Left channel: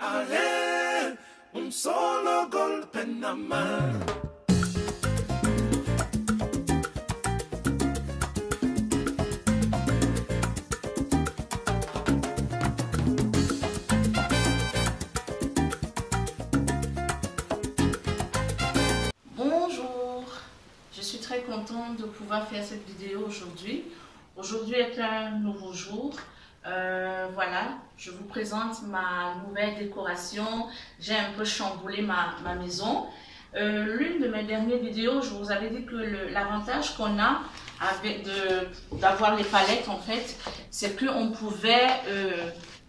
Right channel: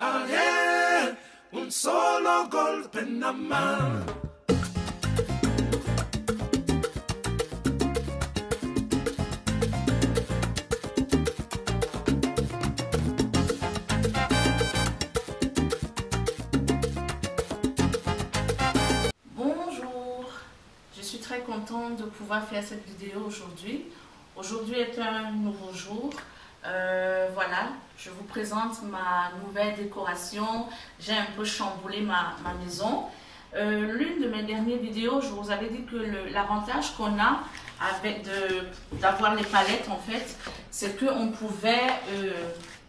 Ayer, un solo golpe nada más. Bonjour, je suis très contente de pouvoir faire cette vidéo aujourd'hui. Aujourd'hui est un nouveau jour. Voilà, je vous présente ma nouvelle décoration. J'ai un peu chamboulé ma maison. L'une de mes dernières vidéos, je vous avais dit que l'avantage qu'on a avec d'avoir les palettes, en fait, c'est qu'on pouvait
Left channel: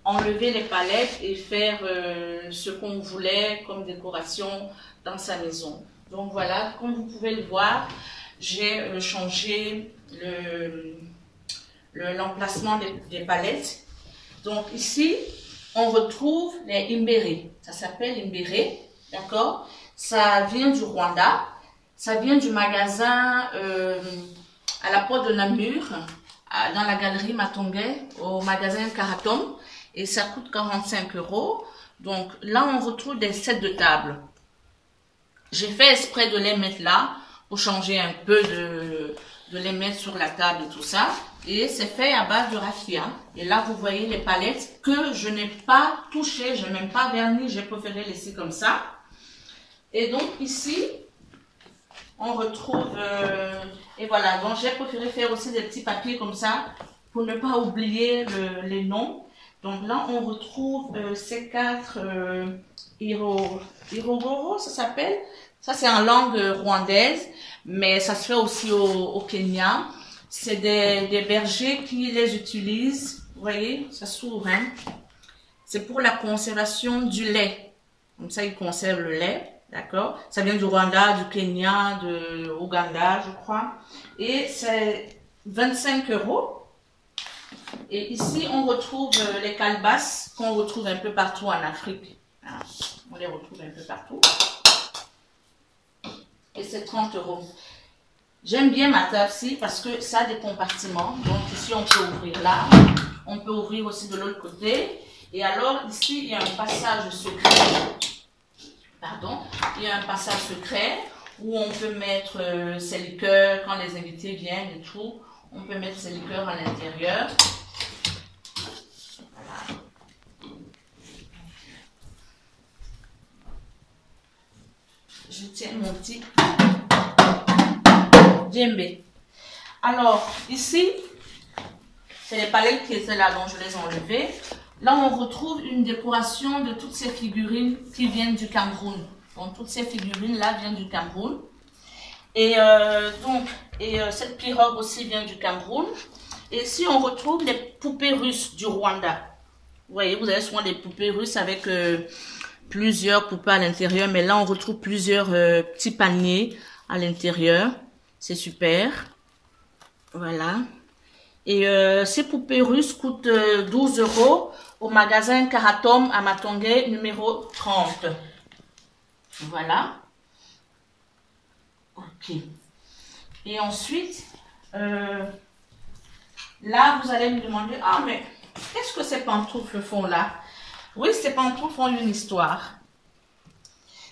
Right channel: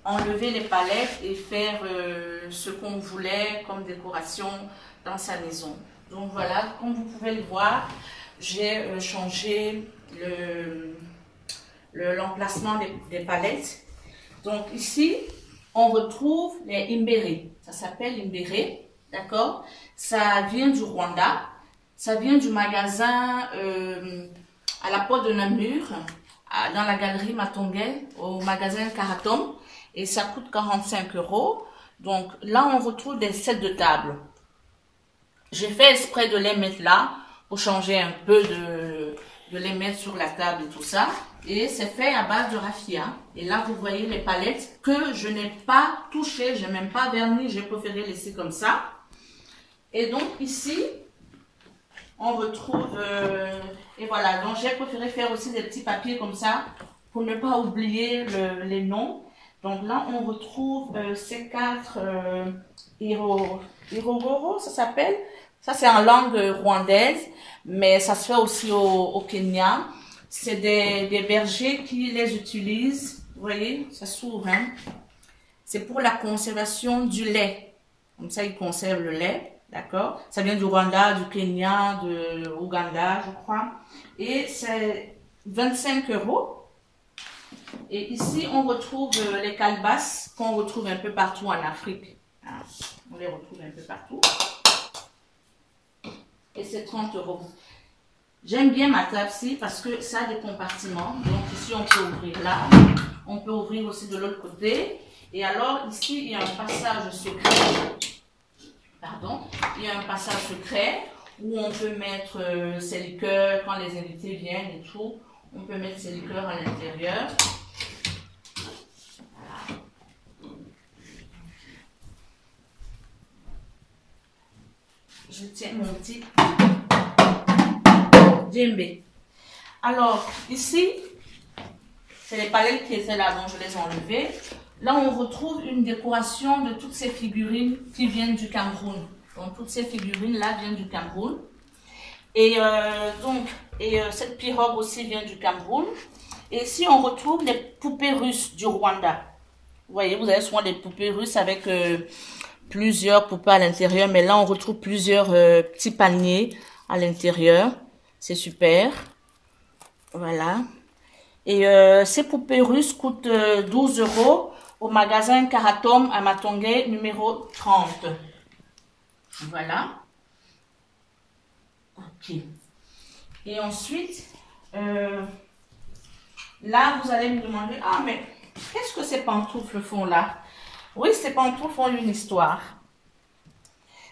enlever les palettes et faire ce qu'on voulait comme décoration dans sa maison. Donc voilà, comme vous pouvez le voir, j'ai changé l'emplacement des palettes. Donc ici, on retrouve les imbérés. Ça s'appelle imbéré, d'accord? Ça vient du Rwanda. Ça vient du magasin à la porte de Namur, dans la galerie Matongé, au magasin Karatom. Et ça coûte 45 €. Donc là, on retrouve des sets de table. J'ai fait exprès de les mettre là pour changer un peu de les mettre sur la table et tout ça. Et c'est fait à base de raffia. Et là, vous voyez les palettes que je n'ai pas touchées. Je n'ai même pas verni. J'ai préféré laisser comme ça. Et donc ici, on retrouve... et voilà, donc j'ai préféré faire aussi des petits papiers comme ça pour ne pas oublier les noms. Donc là, on retrouve ces 4 Irogoro, ça s'appelle. Ça, c'est en langue rwandaise, mais ça se fait aussi au Kenya. C'est des bergers qui les utilisent. Vous voyez, ça s'ouvre. Hein? C'est pour la conservation du lait. Comme ça, ils conservent le lait. D'accord? Ça vient du Rwanda, du Kenya, de Ouganda, je crois. Et c'est 25 €. Et ici, on retrouve les calebasses qu'on retrouve un peu partout en Afrique. Hein? On les retrouve un peu partout. Et c'est 30 €. J'aime bien ma table-ci parce que ça a des compartiments. Donc ici, on peut ouvrir là. On peut ouvrir aussi de l'autre côté. Et alors, ici, il y a un passage secret. Pardon. Il y a un passage secret où on peut mettre ses liqueurs quand les invités viennent et tout. On peut mettre ses liqueurs à l'intérieur. Je tiens mon petit djembé. Alors, ici, c'est les palettes qui étaient là, donc je les ai enlevées. Là, on retrouve une décoration de toutes ces figurines qui viennent du Cameroun. Donc, toutes ces figurines-là viennent du Cameroun. Et cette pirogue aussi vient du Cameroun. Et ici, on retrouve les poupées russes du Rwanda. Vous voyez, vous avez souvent des poupées russes avec... plusieurs poupées à l'intérieur, mais là on retrouve plusieurs petits paniers à l'intérieur. C'est super. Voilà. Et ces poupées russes coûtent 12 € au magasin Karatom à Matongé numéro 30. Voilà. Ok. Et ensuite, là vous allez me demander, ah mais qu'est-ce que ces pantoufles font là? Oui, ces pantoufles ont une histoire.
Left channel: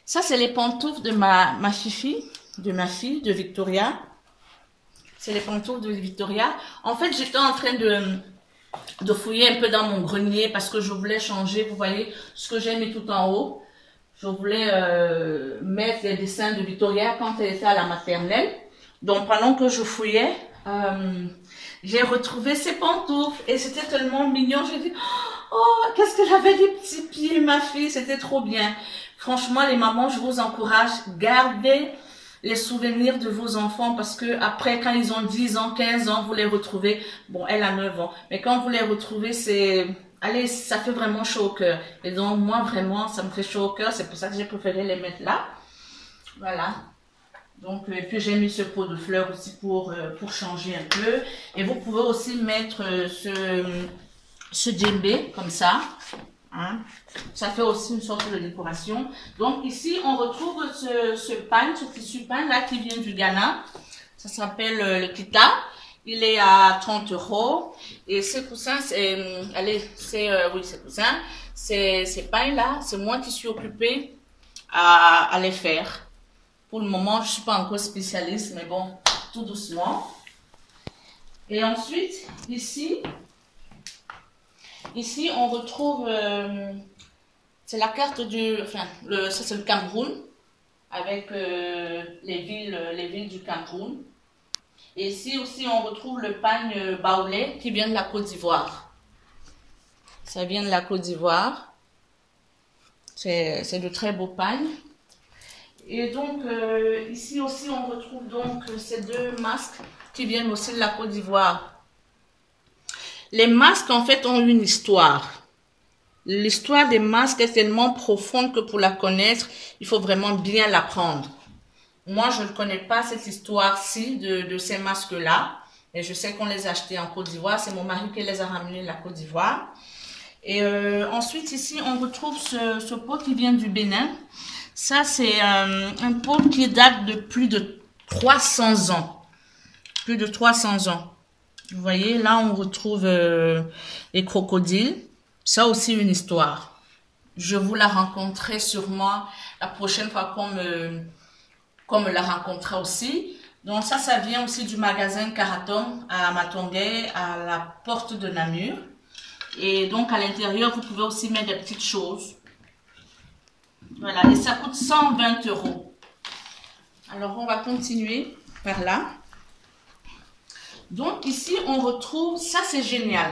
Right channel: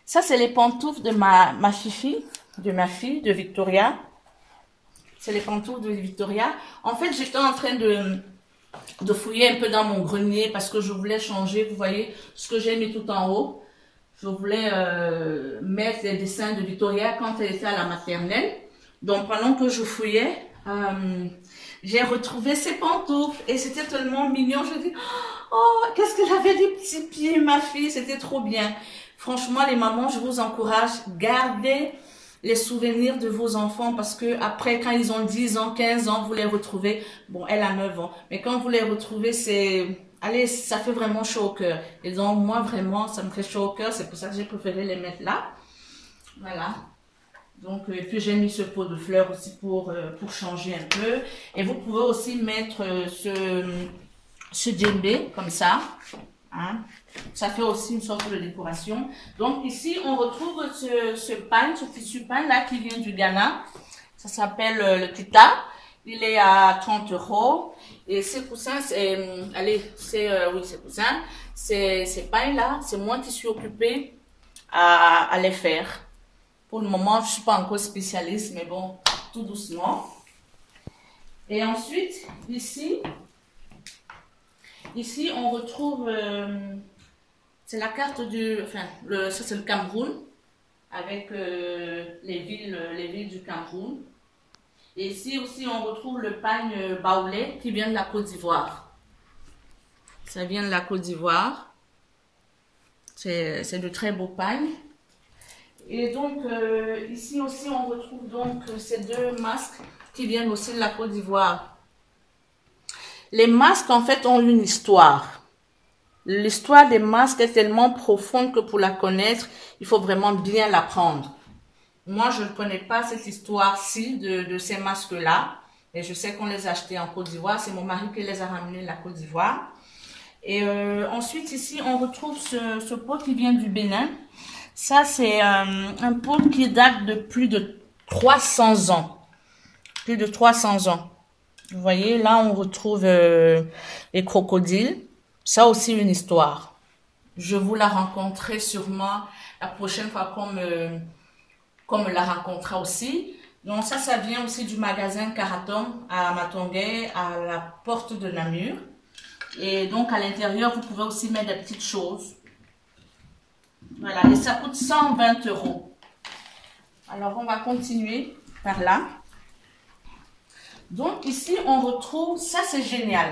Ça, c'est les pantoufles de ma fille, de Victoria. C'est les pantoufles de Victoria. En fait, j'étais en train de fouiller un peu dans mon grenier parce que je voulais changer, vous voyez, ce que j'ai mis tout en haut. Je voulais mettre les dessins de Victoria quand elle était à la maternelle. Donc, pendant que je fouillais, j'ai retrouvé ces pantoufles et c'était tellement mignon. J'ai dit... Oh, qu'est-ce qu'elle avait des petits pieds, ma fille. C'était trop bien. Franchement, les mamans, je vous encourage. Gardez les souvenirs de vos enfants parce que après, quand ils ont 10 ans, 15 ans, vous les retrouvez. Bon, elle a 9 ans. Mais quand vous les retrouvez, c'est... Allez, ça fait vraiment chaud au cœur. Et donc, moi, vraiment, ça me fait chaud au cœur. C'est pour ça que j'ai préféré les mettre là. Voilà. Donc, et puis j'ai mis ce pot de fleurs aussi pour changer un peu. Et vous pouvez aussi mettre ce djembé comme ça, hein. Ça fait aussi une sorte de décoration. Donc ici on retrouve ce pain, ce tissu pain là qui vient du Ghana. Ça s'appelle le kita. Il est à 30 € et ces coussins, c'est, allez, c'est oui, ces coussins, ces pailles-là, c'est moi qui suis occupée à les faire. Pour le moment, je ne suis pas encore spécialiste, mais bon, tout doucement. Et ensuite, ici on retrouve, c'est la carte du, enfin, ça c'est le Cameroun, avec les villes du Cameroun. Et ici aussi, on retrouve le pagne baoulé qui vient de la Côte d'Ivoire. Ça vient de la Côte d'Ivoire. C'est de très beaux pagnes. Et donc, ici aussi, on retrouve donc ces deux masques qui viennent aussi de la Côte d'Ivoire. Les masques, en fait, ont une histoire. L'histoire des masques est tellement profonde que pour la connaître, il faut vraiment bien l'apprendre. Moi, je ne connais pas cette histoire-ci de ces masques-là. Et je sais qu'on les a achetés en Côte d'Ivoire. C'est mon mari qui les a ramenés de la Côte d'Ivoire. Et ensuite, ici, on retrouve ce pot qui vient du Bénin. Ça, c'est un pot qui date de plus de 300 ans. Plus de 300 ans. Vous voyez, là, on retrouve les crocodiles. Ça aussi, une histoire. Je vous la rencontrerai sûrement la prochaine fois qu'on me la rencontrera aussi. Donc, ça vient aussi du magasin Karatom à Matongé, à la porte de Namur. Et donc, à l'intérieur, vous pouvez aussi mettre des petites choses. Voilà, et ça coûte 120 €. Alors, on va continuer par là. Donc, ici, on retrouve, ça c'est génial.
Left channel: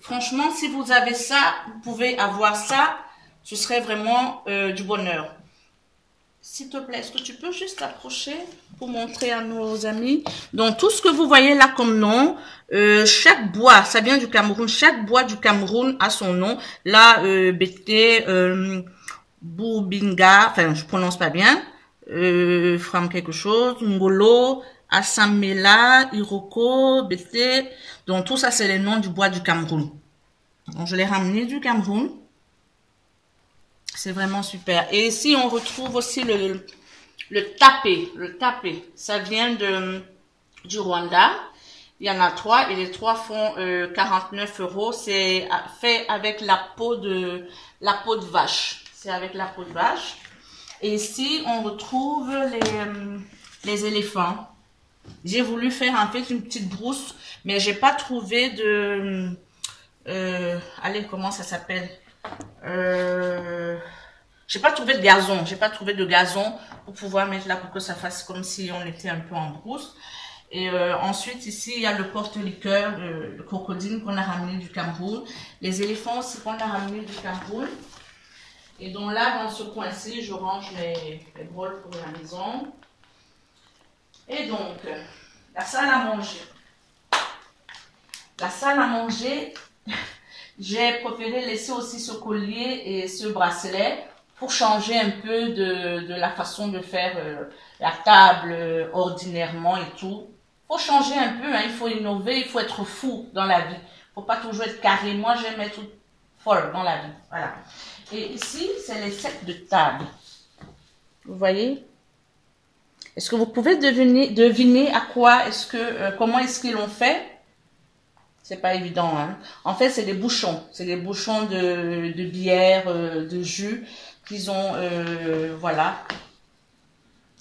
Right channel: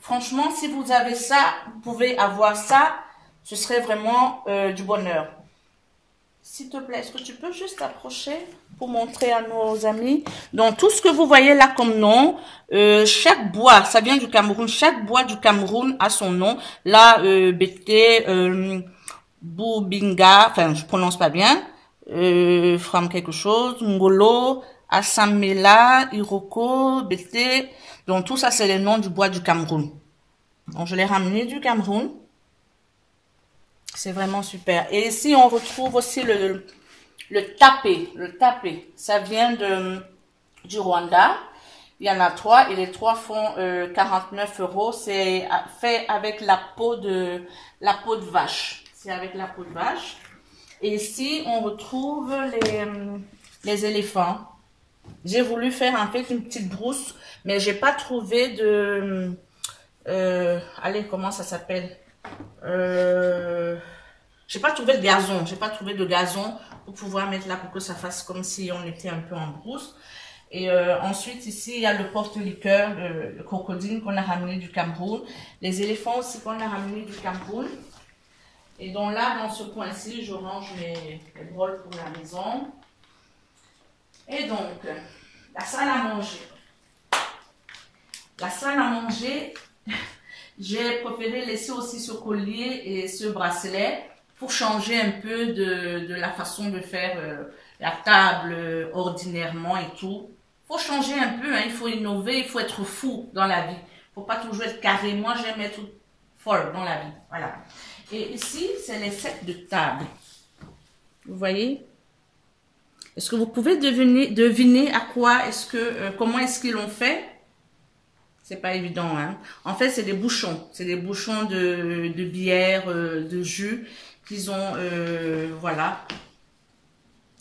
Franchement, si vous avez ça, vous pouvez avoir ça, ce serait vraiment du bonheur. S'il te plaît, est-ce que tu peux juste approcher pour montrer à nos amis? Donc, tout ce que vous voyez là comme nom, chaque bois, ça vient du Cameroun, chaque bois du Cameroun a son nom. Là, Bété, Boubinga, enfin, je prononce pas bien, Fram quelque chose, Ngolo, Assamela, Iroko, Bété. Donc, tout ça, c'est les noms du bois du Cameroun. Donc, je l'ai ramené du Cameroun. C'est vraiment super. Et ici, on retrouve aussi le tapé. Le tapé, ça vient du Rwanda. Il y en a 3 et les 3 font 49 €. C'est fait avec la peau de vache. C'est avec la peau de vache. Et ici, on retrouve les éléphants. J'ai voulu faire en fait une petite brousse, mais j'ai pas trouvé de... allez, comment ça s'appelle? J'ai pas trouvé de gazon. J'ai pas trouvé de gazon pour pouvoir mettre là pour que ça fasse comme si on était un peu en brousse. Et ensuite, ici, il y a le porte-liqueur, le crocodile qu'on a ramené du Cameroun. Les éléphants aussi qu'on a ramené du Cameroun. Et donc là, dans ce coin-ci, je range les broles pour la maison. Et donc, la salle à manger. La salle à manger, j'ai préféré laisser aussi ce collier et ce bracelet pour changer un peu de la façon de faire la table ordinairement et tout. Faut changer un peu, hein, il faut innover, il faut être fou dans la vie. Faut pas toujours être carré. Moi, j'aime être folle dans la vie. Voilà. Et ici, c'est les sets de table. Vous voyez? Est-ce que vous pouvez deviner à quoi est-ce que, comment est-ce qu'ils l'ont fait? C'est pas évident, hein. En fait, c'est des bouchons. C'est des bouchons de bière, de jus qu'ils ont, voilà.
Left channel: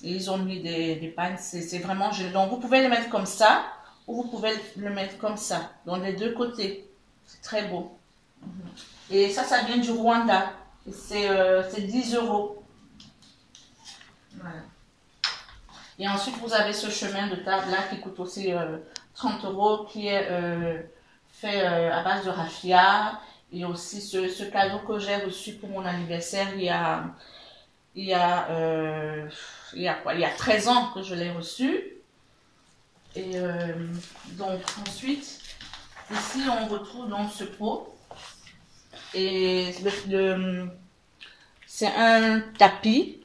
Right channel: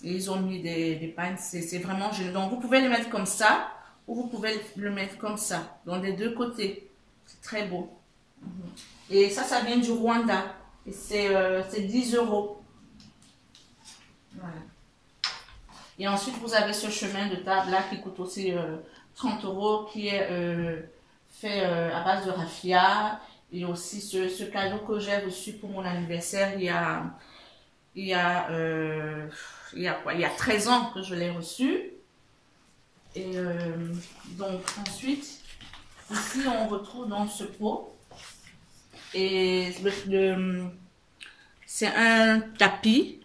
Et ils ont mis des pagnes. C'est vraiment génial. Donc, vous pouvez les mettre comme ça ou vous pouvez le mettre comme ça. Donc, des deux côtés. C'est très beau. Et ça vient du Rwanda. Et c'est 10 €. Voilà. Et ensuite, vous avez ce chemin de table là qui coûte aussi 30 € qui est fait à base de raffia. Et aussi ce cadeau que j'ai reçu pour mon anniversaire il y a quoi? Il y a 13 ans que je l'ai reçu. Et donc ensuite, ici on retrouve donc ce pot. Et c'est un tapis.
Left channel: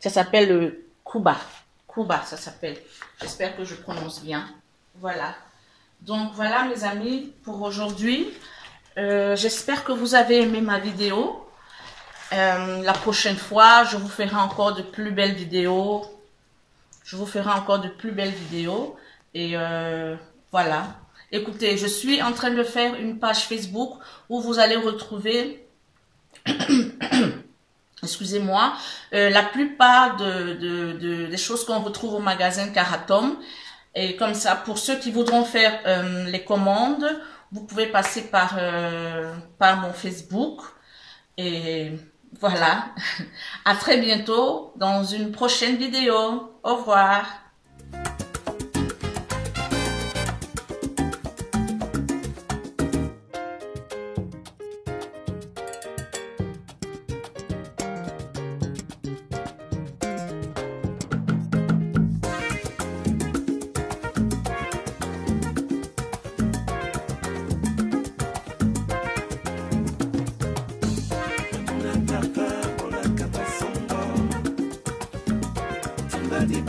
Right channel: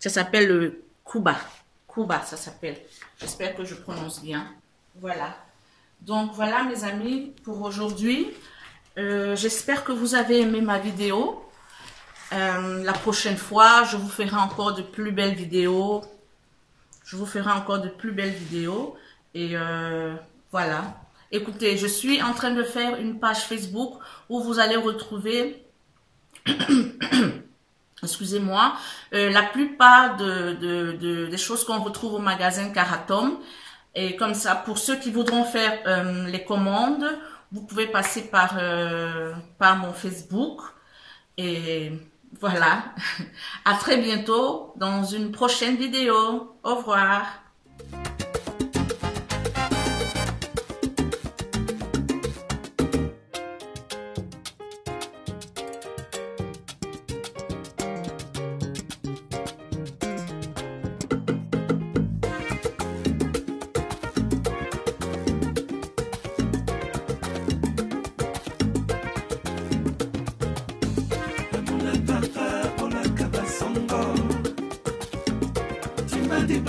Ça s'appelle le Kuba. Kuba, ça s'appelle. J'espère que je prononce bien. Voilà. Donc, voilà, mes amis, pour aujourd'hui. J'espère que vous avez aimé ma vidéo. La prochaine fois, je vous ferai encore de plus belles vidéos. Et voilà. Écoutez, je suis en train de faire une page Facebook où vous allez retrouver excusez-moi, la plupart des choses qu'on retrouve au magasin Karatom. Et comme ça, pour ceux qui voudront faire les commandes, vous pouvez passer par mon Facebook. Et voilà, à très bientôt dans une prochaine vidéo. Au revoir. Di